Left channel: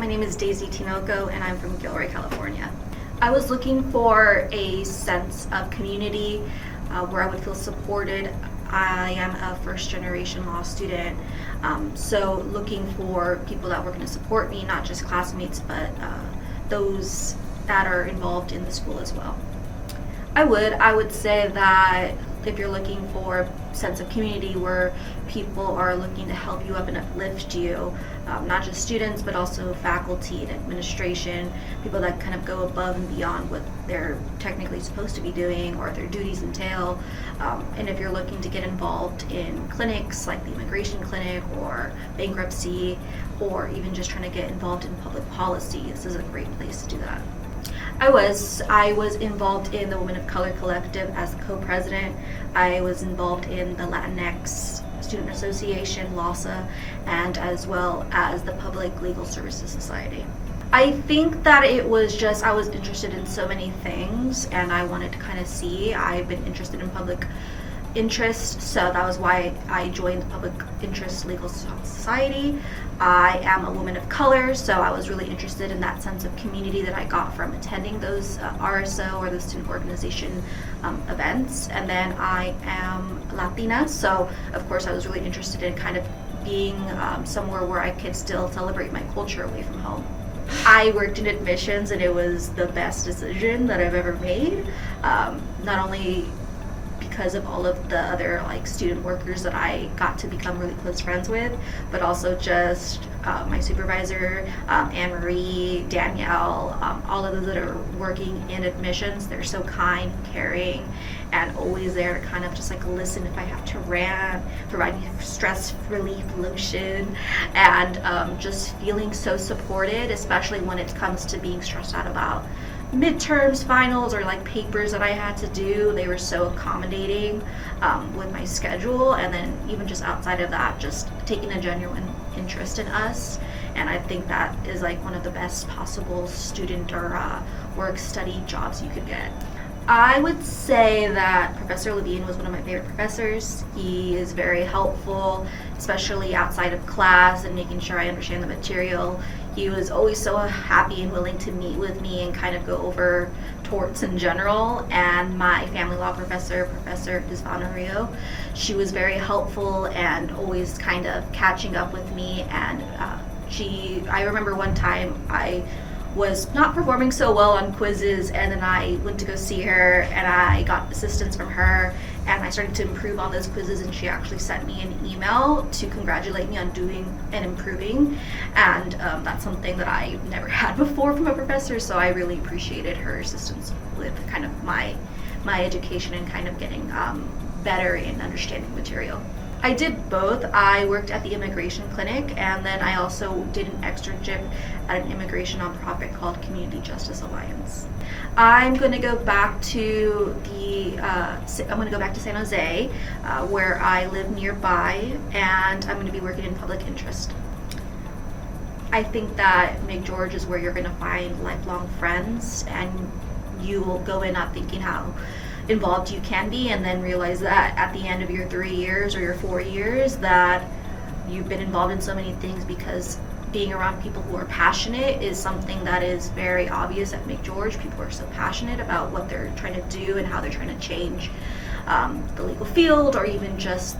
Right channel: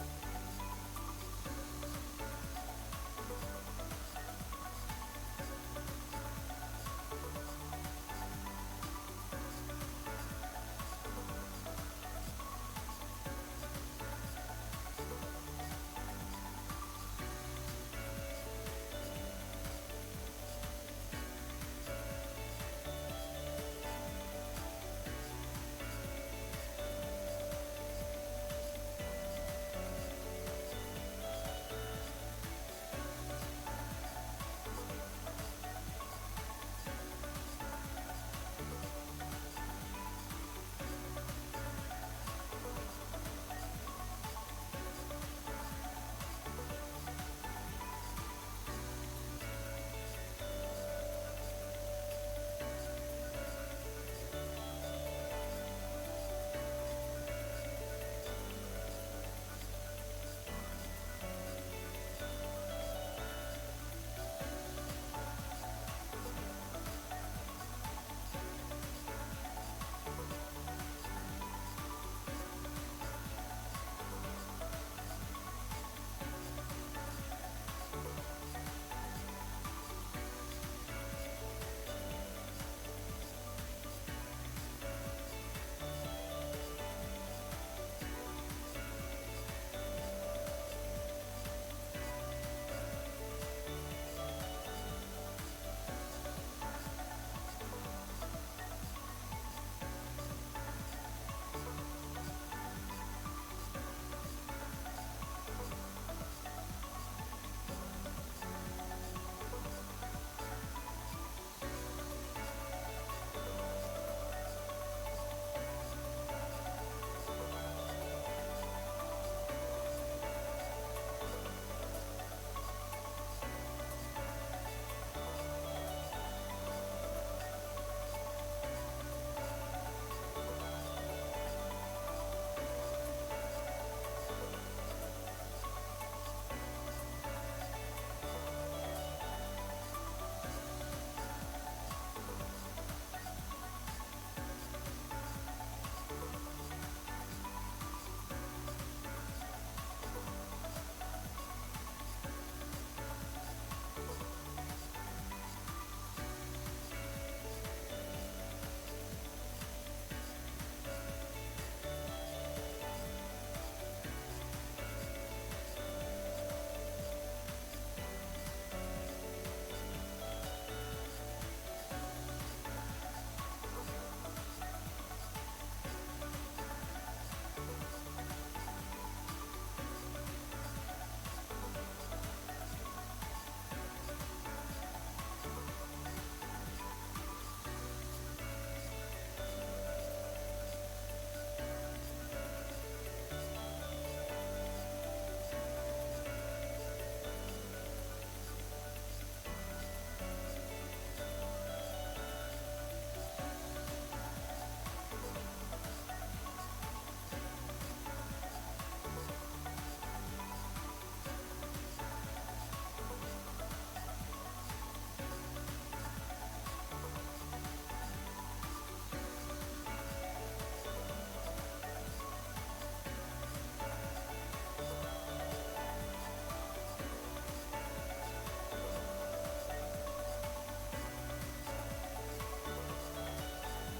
My name is Daisy Tinoco, and I'm from Gilroy, California. I was looking for a sense of community where I would feel supported. I am a first-generation law student, so looking for people that were going to support me, not just classmates, but those that are involved in the school as well. I would say that if you're looking for a sense of community where people are looking to help you up and uplift you, not just students, but also faculty and administration, people that kind of go above and beyond what they're technically supposed to be doing or their duties entail. And if you're looking to get involved in clinics like the immigration clinic or bankruptcy, or even just trying to get involved in public policy, this is a great place to do that. I was involved in the Women of Color Collective as co-president. I was involved in the Latinx Student Association, LLSA, and as well as the Public Legal Services Society. I think that it was just, I was interested in so many things and I wanted to kind of see. I've been interested in public interest, so that was why I joined the Public Interest Legal Society. I am a woman of color, so I was really interested in that sense of community that I got from attending those RSO or the student organization events. And then I am Latina, so of course I was really interested in kind of being somewhere where I could still celebrate my culture away from home. I worked in admissions and it was the best decision that I've ever made. Not only because of all of the other student workers that I got to become really close friends with, but also just my supervisor, Anne-Marie, Danielle, all of those that are working in admissions. They're so kind, caring, and always there to kind of just listen if I have to rant, provide me stress relief lotion, and just feeling so supported, especially when it comes to being stressed out about midterms, finals, or papers that I had to do. They were so accommodating with my schedule, and then even just outside of that, just taking a genuine interest in us. And I think that is one of the best possible student or work study jobs you could get. I would say that Professor Levine was one of my favorite professors. He is very helpful, especially outside of class and making sure I understand the material. He was always so happy and willing to meet with me and kind of go over torts in general. And my family law professor, Professor Gisvana Rio, she was very helpful and always kind of catching up with me. And I remember one time I was not performing so well on quizzes, and then I went to go see her and I got assistance from her and I started to improve on those quizzes, and she actually sent me an email to congratulate me on doing and improving. And that's something that I never had before from a professor, so I really appreciated her assistance with kind of my education and kind of getting better in understanding material. I did both. I worked at the immigration clinic, and then I also did an externship at an immigration nonprofit called Community Justice Alliance. I'm going to go back to San Jose, where I live nearby, and I'm going to be working in public interest. I think that McGeorge is where you're going to find lifelong friends, and you will go in not thinking how involved you can be, and then realize that at the end of your 3 years or your 4 years that you've been involved in so many things, because being around people who are passionate is something that is very obvious at McGeorge. People are so passionate about what they're trying to do and how they're trying to change the legal field, or even just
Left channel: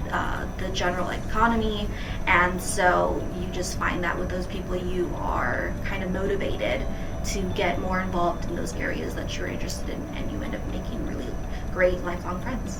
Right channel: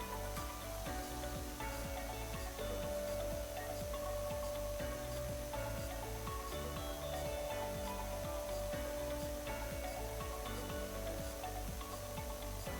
the general economy. And so you just find that with those people you are kind of motivated to get more involved in those areas that you're interested in, and you end up making really great lifelong friends.